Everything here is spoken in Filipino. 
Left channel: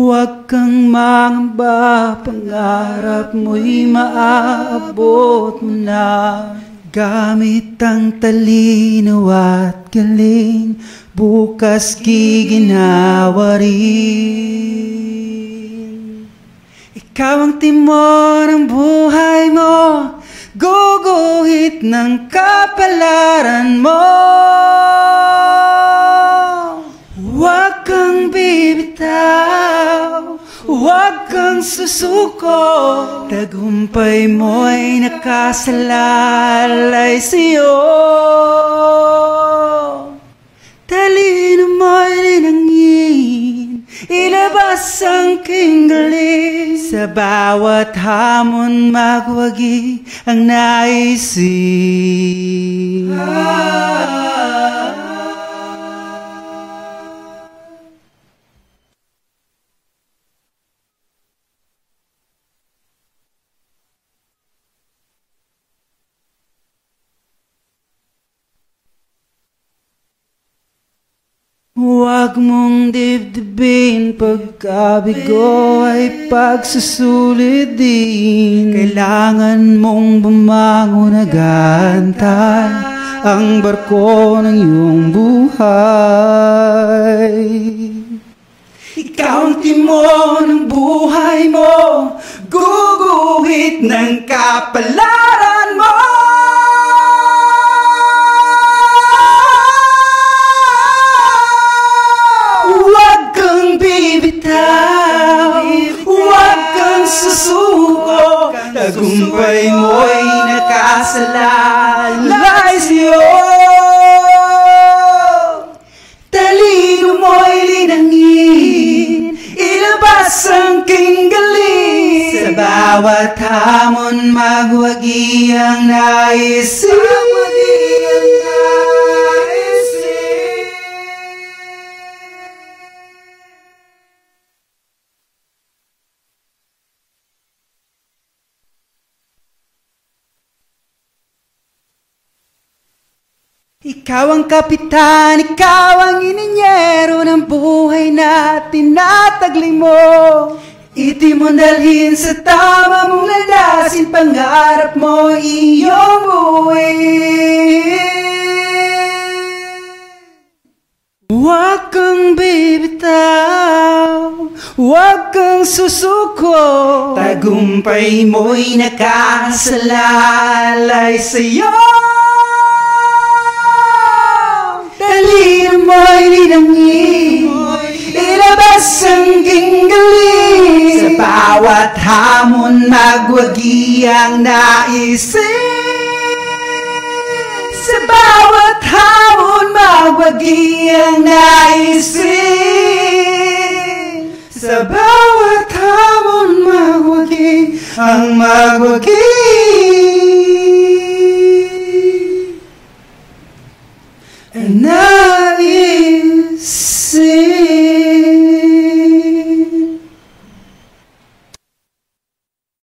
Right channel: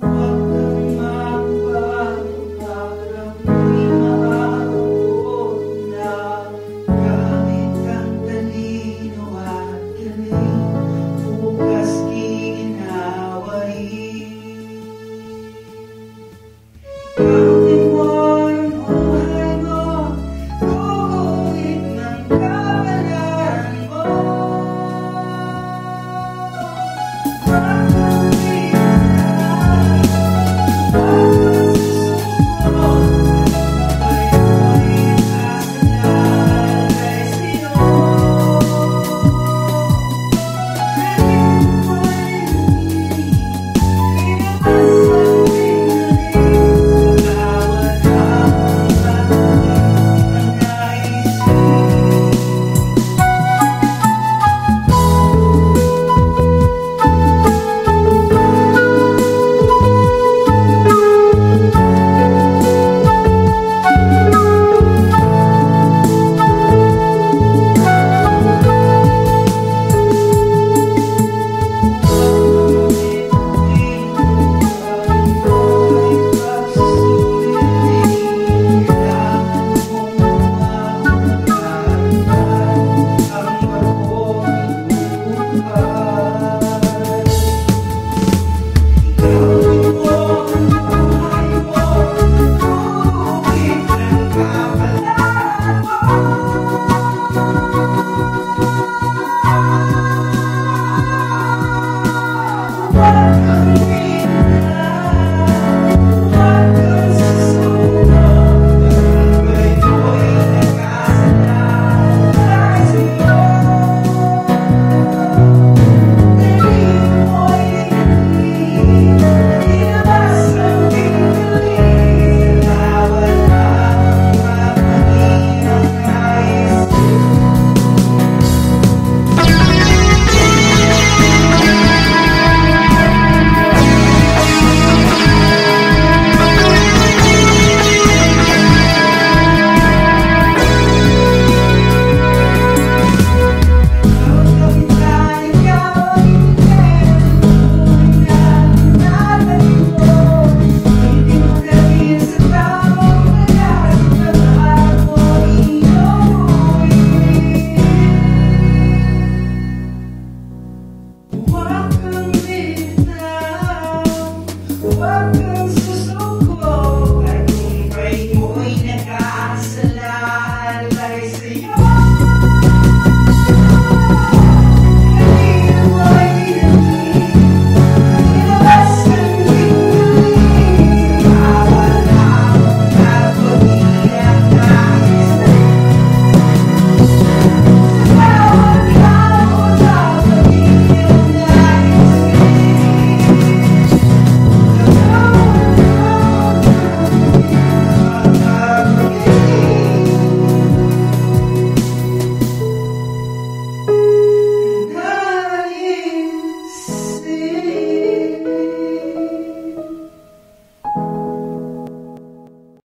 Huwag kang mangamba, pangarap mo'y maaabot mo na. Gamit ang talinaw at galing, bukas giginawa rin. Ikaw ang timon ng buhay mo, guguhit ng kapalaran mo. Huwag kang bibitaw, huwag kang susuko, tagumpay mo'y nakasalalay sa'yo. Talino mo'y linangin, ilabas ang kingaling, sa bawat hamon magwagi ang naisin. Huwag mong dibdibin, pagkabigo ay pagsusulit din. Kailangan mong bumangon agad-antay ang barko ng iyong buhay. Ikaw ang timon ng buhay mo, guguhit ng kapalaran mo. Huwag kang bibitaw, huwag kang susuko, tagumpay mo'y nakasalalay sa'yo. Talino mo'y linangin, ilabas ang kinggaling, sa bawat hamon magwagi ang naisin. Ikaw ang kapitan, ikaw ang ininyero ng buhay na tinatagli mo. Iti mo dalhin sa tama mong lalasin, pangarap mo iyong buuin. Huwag kang bibitaw, huwag kang susuko, tagumpay mo'y nakasalalay sa'yo.